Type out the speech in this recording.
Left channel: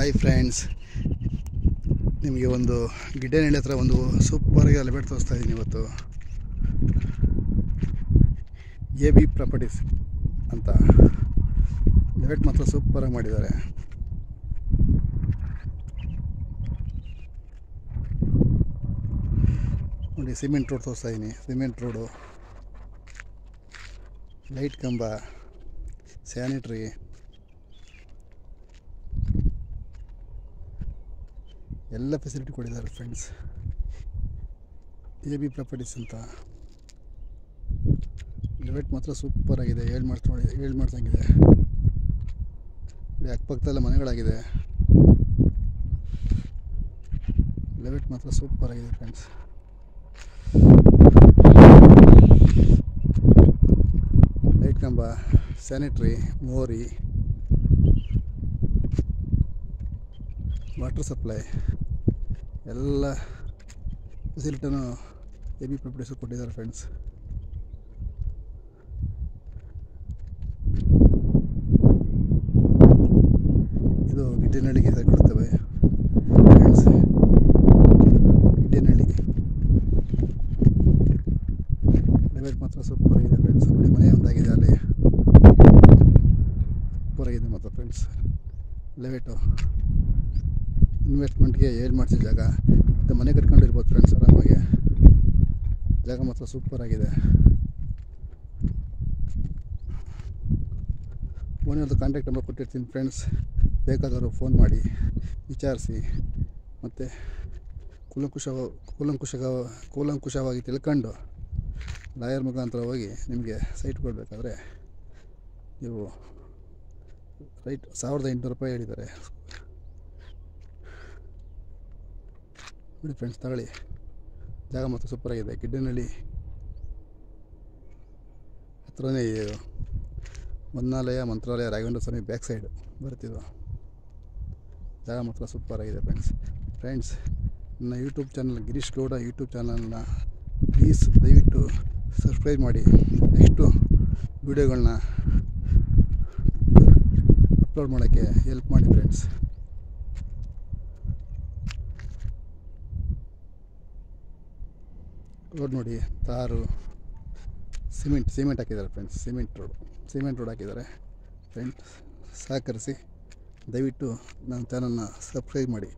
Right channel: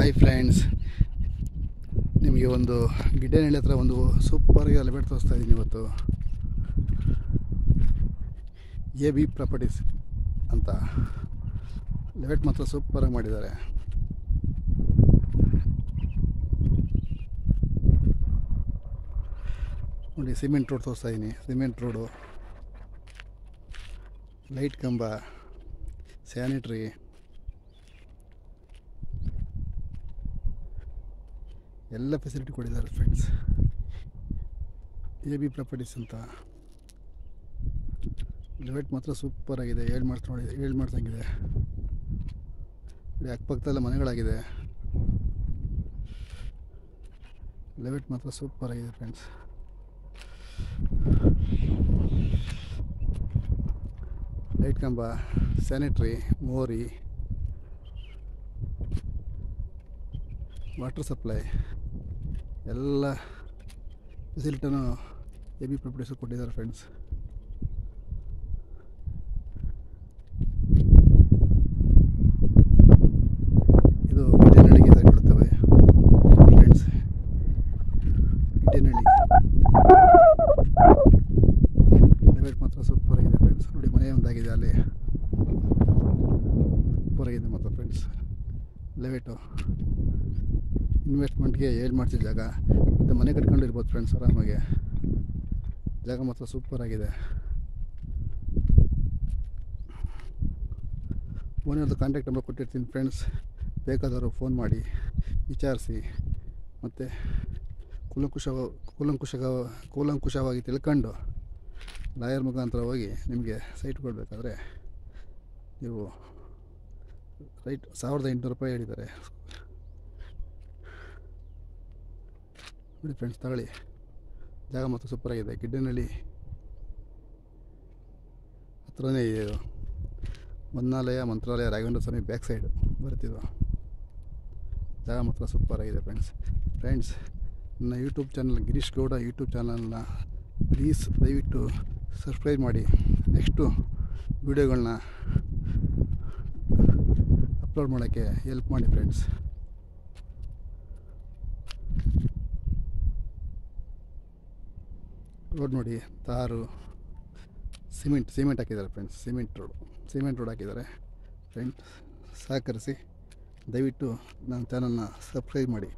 Hi friends, ನಿಮಗೆ ಒಂದು ಗಿಡ್ಡನಹಳ್ಳಿ ಹತ್ರ ಒಂದು ಸೂಪರಾಗಿ ಎಲಿವೇಟ್ ತೋರಿಸ್ತಾ ಇದ್ದೀನಿ. ಇವತ್ತು AB ಪ್ರಾಪರ್ಟೀಸ್ ಅಂತ ಎಲಿವೇಟ್ ಮಾತ್ರ ಸೂಪರಾಗಿ ಮಾಡಿದ್ದಾರೆ. ನೋಡಿ, ಸಿಮೆಂಟ್ ರೋಡ್ ತೋರಿಸ್ತಾ ಇದ್ದೀನಿ. ಸಿಮೆಂಟ್ ರೋಡು, ಲೈಟ್ ಕಂಬ, ಸ್ಯಾನಿಟ್ರಿ, ಎಲ್ಲ ಫೆಸಿಲಿಟಿ ಕೊಟ್ಟಿದ್ದಾರೆ ಫ್ರೆಂಡ್ಸ್. AB ಪ್ರಾಪರ್ಟೀಸ್ ಅಂತ ಎಲಿವೇಟ್ ಮಾತ್ರ ಸೂಪರಾಗಿದೆ. ಹೇಳಿ ಮಾಡ್ತಂಗಿದೆ. ನೋಡಿ, ಅಕ್ಕಪಕ್ಕದಲ್ಲ ಮನೆಗಳಾಗಿದೆ. ಎಲಿವೇಟ್ ಮಾತ್ರ ಸೂಪರಾಗಿದೆ ಫ್ರೆಂಡ್ಸ್. ಲೈಟ್ ಕಂಬ, ಸ್ಯಾನಿಟ್ರಿ, ಮೋರಿ, ವಾಟರ್ ಸಪ್ಲೈ, ಎಲ್ಲ ಫೆಸಿಲಿಟಿನೂ AB ಪ್ರಾಪರ್ಟೀಸು ಕೊಟ್ಟಿದ್ದಾರೆ ಫ್ರೆಂಡ್ಸ್. ಇದು ಗಿಡ್ಡನಹಳ್ಳಿಗೆ ಸೈಡ್ ಕೊಡ್ತೇವೆ ಫ್ರೆಂಡ್ಸ್. ಗಿಡ್ಡನಹಳ್ಳಿ ಎಲಿವೇಟ್ ಮಾತ್ರ ಸೂಪರಾಗಿದೆ ಫ್ರೆಂಡ್ಸ್. ನೋಡಿ, ಮನೆ ಒಂದಾಗಿದೆ ಅಲ್ಲಿ, ಸೂಪರಾಗಿದೆ ಮಾತ್ರ ಫ್ರೆಂಡ್ಸ್. ಎಲಿವೇಟು ಇನ್ವೆಸ್ಟ್ಮೆಂಟ್ಗೆ ಮಾಡ್ತಿದ್ದ ಜಾಗ, ಮತ್ತು ಮನೆ ಕಟ್ಕೊಂಡಿರ್ಬೋದು ಫ್ರೆಂಡ್ಸ್ ಆರಾಮಾಗಿ. ಜಾಗ ಮಾತ್ರ ಸೂಪರಾಗಿದೆ. ಓನರ್ದು ಕಾಂಟ್ಯಾಕ್ಟ್ ನಂಬರ್ ಕೊಟ್ಟಿರ್ತೀನಿ ಫ್ರೆಂಡ್ಸ್. ಬೇಕಾದವರು ಫೋನ್ ಮಾಡಿ ವಿಚಾರಿಸಿ, ಮತ್ತು ಕೂಲಂಕುಷವಾಗಿ ತಿಳ್ಕೊಂಡು ಲಾಯರ್ ಮುಖಾಂತರ ಹೋಗಿ ನಿಮಗೆ ಸೈಟ್ ಕೊಡಬೇಕಾದ್ರೆ ನೀವು ರೈಟ್ 1800 ರೂಪಾಯಿ ಹೇಳಿದ್ದಾರೆ. ನೋಡಿ ಫ್ರೆಂಡ್ಸ್, ತಗೊಳ್ಳಿ. ಜಾಗ ಮಾತ್ರ ಸೂಪರಾಗಿದೆ. ಗಿಡ್ಡನಹಳ್ಳಿ ಹತ್ರನೇ ಇದೆ ಇದು. ಹೊನ್ನಾಲಯ, ಮಂತ್ರಾಲಯ, ರಾಘವೇಂದ್ರ ಸ್ವಾಮಿ ಬ್ಯಾಕ್ ಸೈಡು ಬರ್ತಿದ್ದು. ಜಾಗ ಮಾತ್ರ ಸೂಪರಾಗಿದೆ ಫ್ರೆಂಡ್ಸ್. ನನ್ನ YouTube channel Girish Gowda YouTube ಚಾನಲ್ನ ಪ್ಲೀಸ್ ದಯವಿಟ್ಟು ಸಬ್ಸ್ಕ್ರೈಬ್ ಮಾಡಿ. ನೆಕ್ಸ್ಟು ವೀಡಿಯೋಗಳನ್ನ ಅಪ್ಲೋಡ್ ಮಾಡೋಕ್ಕೆ ಹೆಲ್ಪ್ ಮಾಡಿ ಫ್ರೆಂಡ್ಸ್. ರೋಡ್ ನೋಡಿ, ತಾರು, ಸಿಮೆಂಟ್ ಹಾಕಿದ್ದಾರೆ ಫ್ರೆಂಡ್ಸ್. ಸಿಮೆಂಟ್ ರೋಡ್ ಹಾಕಿದ್ದಾರೆ ಫ್ರೆಂಡ್ಸ್. ಸಹಕರಿಸಿ, ದಯವಿಟ್ಟು ನನ್ನ ಚಾನಲ್ನ ಸಬ್ಸ್ಕ್ರೈಬ್ ಮಾಡಿ.